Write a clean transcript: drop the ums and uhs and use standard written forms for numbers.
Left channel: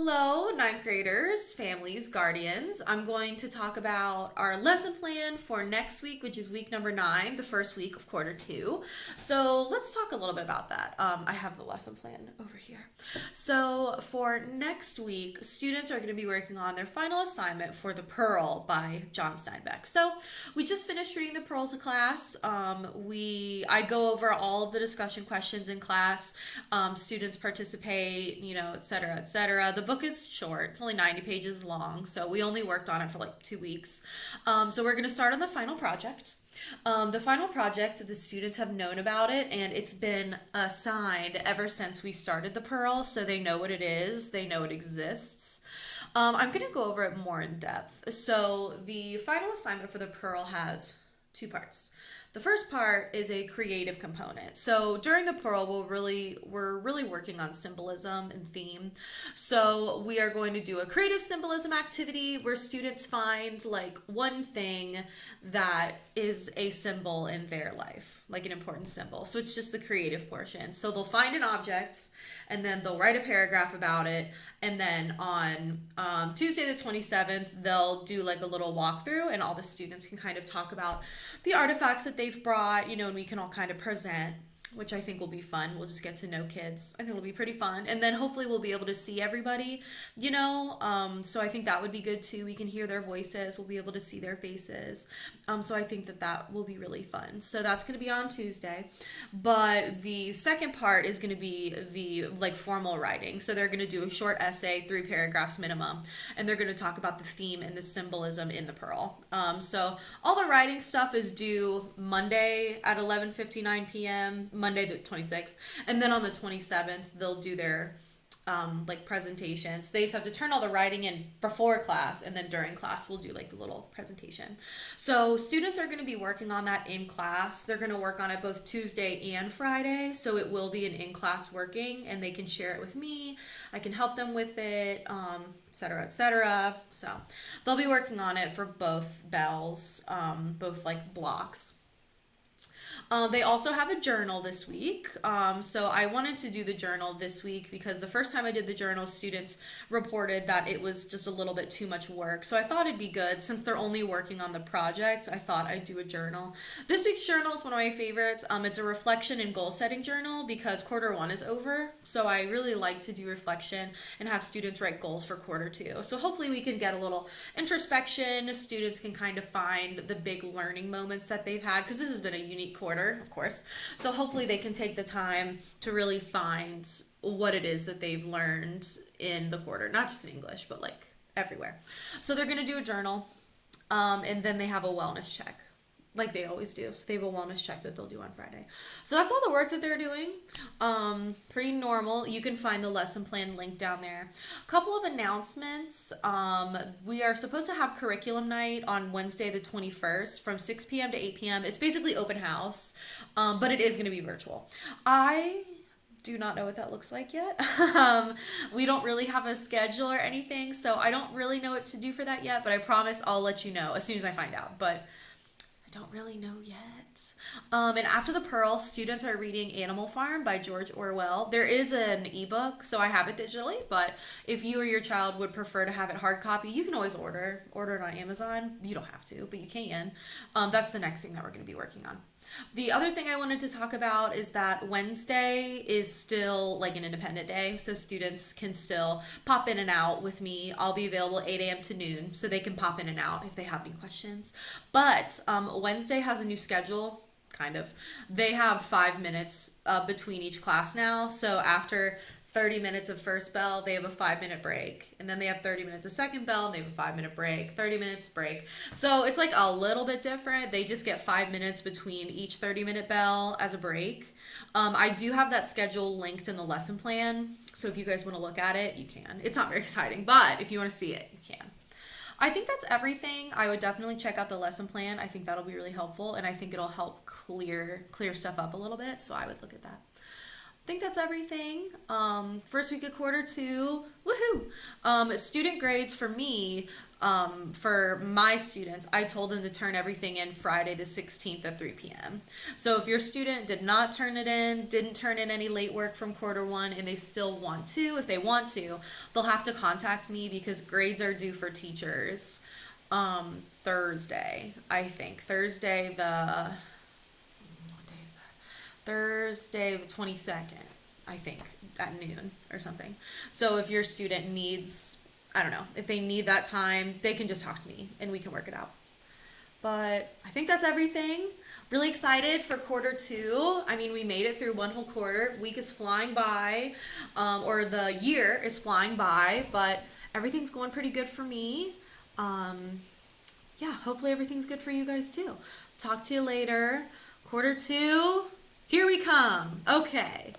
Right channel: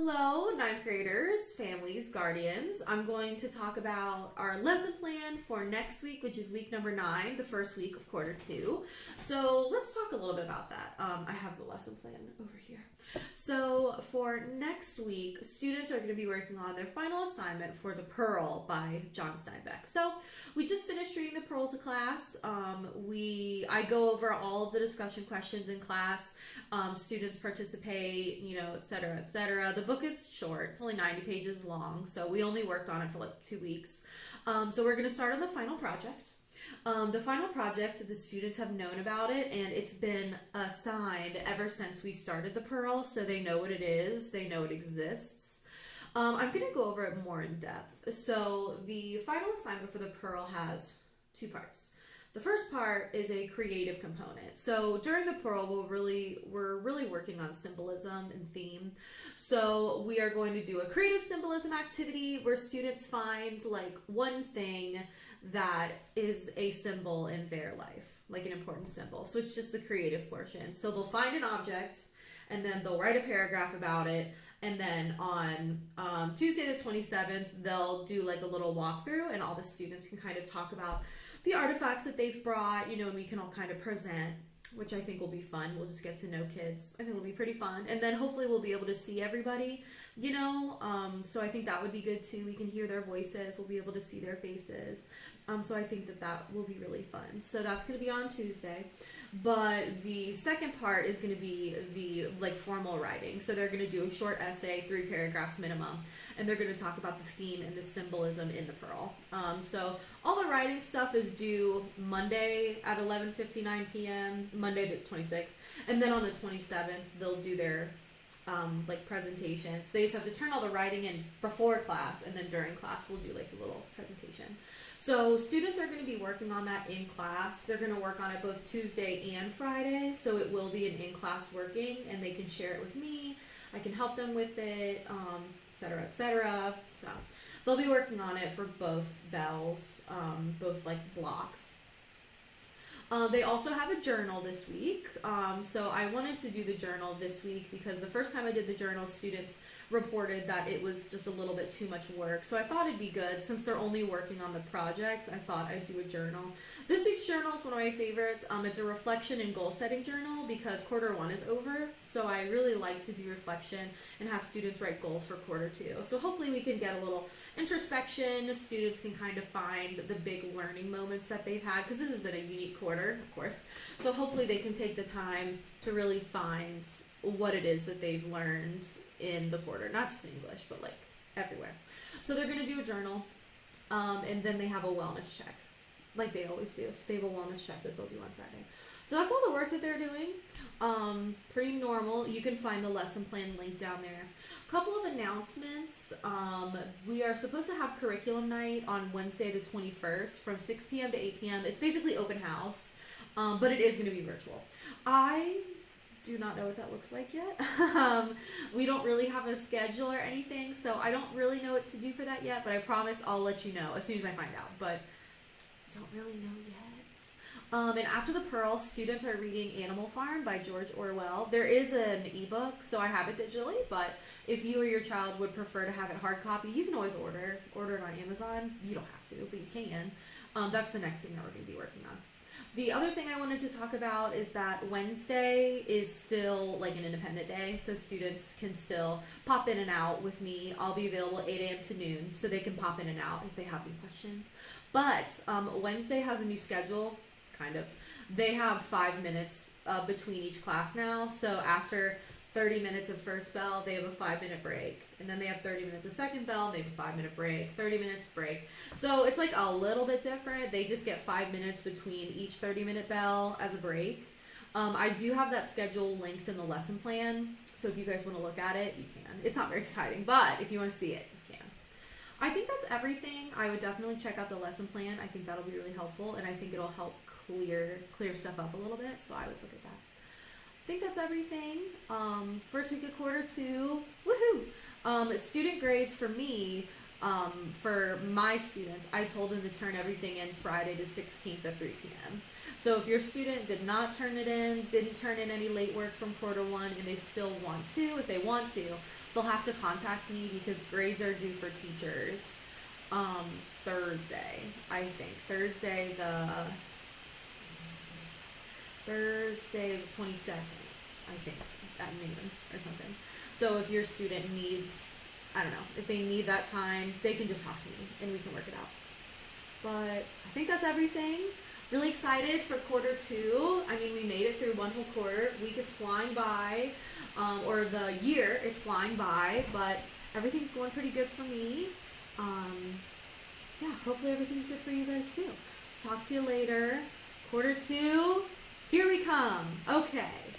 Hello, ninth graders, families, guardians. I'm going to talk about our lesson plan for next week, which is week number 9, the first week of quarter 2. So let's talk a little bit about that. I have the lesson plan over here. So for next week, students are going to be working on their final assignment for The Pearl by John Steinbeck. So we just finished reading The Pearl as a class. I go over all of the discussion questions in class. Students participate, et cetera, et cetera. The book is short. It's only 90 pages long, so we only worked on it for like 2 weeks. So we're going to start on the final project. The final project, the students have known about it, and it's been assigned ever since we started The Pearl, so they know what it is. They know it exists. I'm going to go over it more in depth. So the final assignment for The Pearl has 2 parts. The first part is a creative component. So during The Pearl, we're really working on symbolism and theme. So we are going to do a creative symbolism activity where students find like one thing that is a symbol in their life, like an important symbol. So it's just the creative portion. So they'll find an object and then they'll write a paragraph about it. And then on Tuesday the 27th, they'll do like a little walkthrough and all the students can kind of talk about the artifacts that they've brought, and we can all kind of present, which I think will be fun. We'll just get to know kids. I think it'll be pretty fun. And then hopefully we'll be able to see everybody, so I think that would be good too. We can hear their voices. We'll be able to see their faces. So I think that will be really fun. So that's going to be on Tuesday. But the second part is going to be the formal writing. So they're going to do a short essay, 3 paragraphs minimum, and they're going to talk about the theme and the symbolism in the Pearl. So all the writing stuff is due Monday at 11:59 p.m., Monday the 26th, and then on the 27th they'll do their presentations. They just have to turn all the writing in before class, and then during class we'll do the little presentation. So students are going to be working on that in class. They're going to work on it both Tuesday and Friday, so it will be an in-class working, and they can share it with me. I can help them with it, et cetera, et cetera. So they'll be working on it for both bells, both blocks. They also have a journal this week. So I wanted to do the journal this week because the first time I did the journal, students reported that it was just a little bit too much work. So I thought it'd be good, since they're only working on the project, I thought I'd do a journal. This week's journal is one of my favorites. It's a reflection and goal setting journal because quarter 1 is over. So I really like to do reflection and have students write goals for quarter 2. So hopefully we can get a little introspection. Students can kind of find the big learning moments that they've had, because this has been a unique quarter, of course. So hopefully they can take the time to really find what it is that they've learned in the quarter, not just in English, but everywhere. So they're going to do a journal, and then they have a wellness check, like they always do. So they have a wellness check that they'll do on Friday. So that's all the work that they're doing. Pretty normal. You can find the lesson plan link down there. A couple of announcements. We are supposed to have curriculum night on Wednesday the 21st from 6 p.m. to 8 p.m. It's basically open house, but it is going to be virtual. I do not know what that looks like yet. We don't really have a schedule or anything, so I don't really know what to do for that yet, but I promise I'll let you know as soon as I find out. But don't really know yet. And after The Pearl, students are reading Animal Farm by George Orwell. There is an ebook, so I have it digitally, but if you or your child would prefer to have it hard copy, you can always order it on Amazon. You don't have to, but you can. That's the next thing that we're going to be working on. The other thing I wanted to talk about is that Wednesday is still an independent day, so students can still pop in and out with me. I'll be available 8 a.m. to noon, so they can pop in and out if they have any questions. But Wednesday has a new schedule, kind of. They have 5 minutes between each class now, so after 30 minutes of first bell, they have a 5-minute break. And then they have 30 minutes of second bell, and they have a 5-minute break, 30 minutes break. So it's a little bit different. They just get 5 minutes between each 30-minute bell as a break. I do have that schedule linked in the lesson plan. So if you guys want to look at it, you can. It's not very exciting, but if you want to see it, you can. I think that's everything. I would definitely check out the lesson plan. I think that'll be really helpful, and I think it'll help clear stuff up a little bit. So I would look at that. I think that's everything. First week of quarter 2, woohoo! Student grades for me, For my students, I told them to turn everything in Friday the 16th at 3 p.m. So if your student did not turn it in, didn't turn in any late work from quarter one, and they still want to, if they want to, they'll have to contact me because grades are due for teachers Thursday, I think. Thursday the 22nd, I think, at noon or something. So if your student needs, I don't know, if they need that time, they can just talk to me and we can work it out. But I think that's everything. Really excited for quarter two. I mean, we made it through one whole quarter. Week is flying by, or the year is flying by, but everything's going pretty good for me. Yeah, hopefully everything's good for you guys too. Talk to you later. Quarter two, here we come. Okay.